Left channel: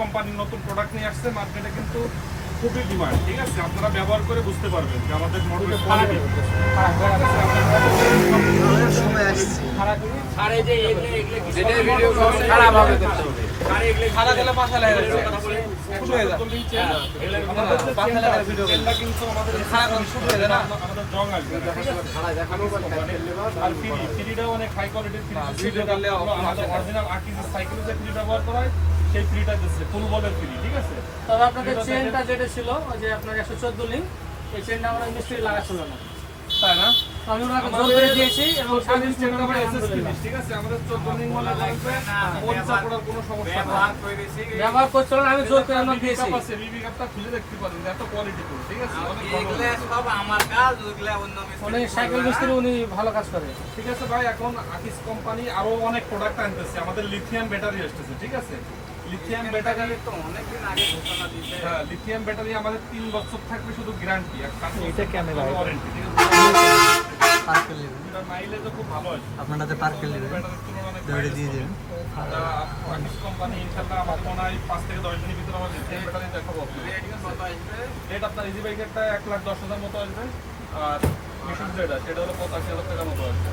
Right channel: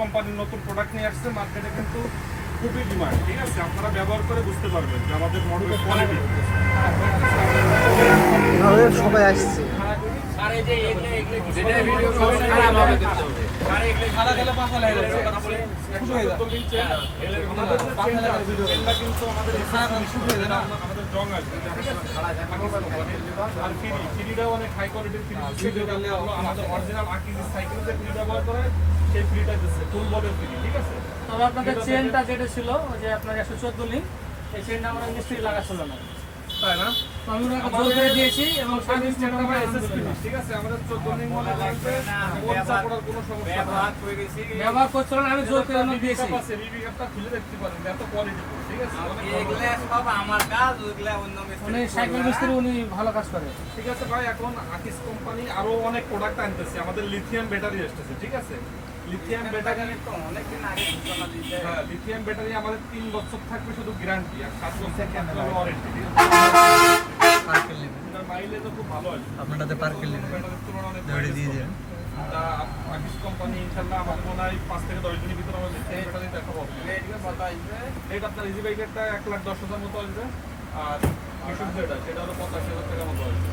কোম্পানির নতুন প্রোডাক্ট নিয়ে আসছে মার্কেটে, কিন্তু খুবই ডিমান্ড। ঠিক আছে, আপনারা ব্যবহার করে বুঝতে পারবেন যে আমাদের মডেল কোয়ালিটি সময় আসছে আরে যে এগুলো যেটা ভিডিও খারাপ হবে আরে এগুলো খারাপ গেলে পাশা লাগে কথা বলে শুরু হয়ে যায় আমাদের পাশা লাগা ভিডিও এগুলা কিন্তু আমাদের খারাপ শুরু হয়ে যায় না, আমাদের জং আসবে। ঠিক আছে, আর ফ্রিটাও অনেক হাই কোয়ালিটির ফ্রি। ভিডিও করলে আমাদের অরিজিনাল আকিজ সাইকেল যে ফ্রি ব্যবহার করা হয় সেই ফ্রিটা দিচ্ছে, ফুল বলের ফ্রি। ঠিক আছে, তবে আপনাদের চেনটা যেটা ছিল ওই যে আপনার 114 লিঙ্ক, এই চেনটা আমরা মিস্ত্রি লাগাচ্ছিল না, তাই না? আমি ওনাকে জোর করে দিয়েছি এবং সার্ভিস চেনটা ভাই এসএস ফিনিশ। ঠিক আছে, আমাদের 14 লিঙ্ক মনে লাগবে, পঞ্চা পড়ার কোনো সমস্যা না। ব্যবহার করছিল না, আমি জোর করে ওনাকে দিয়েছি। বিবি কাপটা খুলে দেখতে পারেন, এত কোয়ালিটি ফুল। ঠিক আছে, এগুলো সব আমার কাজ, ওইগুলা অন্য উনি সাইকেল মিস্ত্রি, উনি ভালো কাজ করে। ঠিক আছে ভাই, এখন আকিজ কোম্পানি আরো অনেক প্রোডাক্ট আনতেছে। আমাদের লিথিয়াম ব্যাটারি আসতেছে। ঠিক আছে, লিথিয়াম ব্যাটারি তো অনেকদিন আগে ঘোষণা দিয়েছে। হ্যাঁ, লিথিয়াম ব্যাটারি আমাদের 3 বছর থাকবে শুধু গ্যারান্টি, আর 7 বছর ওয়ারেন্টি। ঠিক আছে, পার্কেল নেবেন, এটা মাইলেজও খুব ভালো আছে। আপনাদের পার্কেল নেবেন ব্যাটারির তুলনায় অনেক দৌড়ে দিয়ে দেবেন। আকিজ কোম্পানি ইনশাআল্লাহ আমার মনে হয় 5 থেকে 10 দিনের ভিতরে আমার লিথিয়াম ব্যাটারি দেখাবো। এটা আপনার ইজি বাইকেরটা 1,10,000 মতো আসবে, আর মিশুক যেটা সেটা হলো 85,000 টাকার মতো আসবে।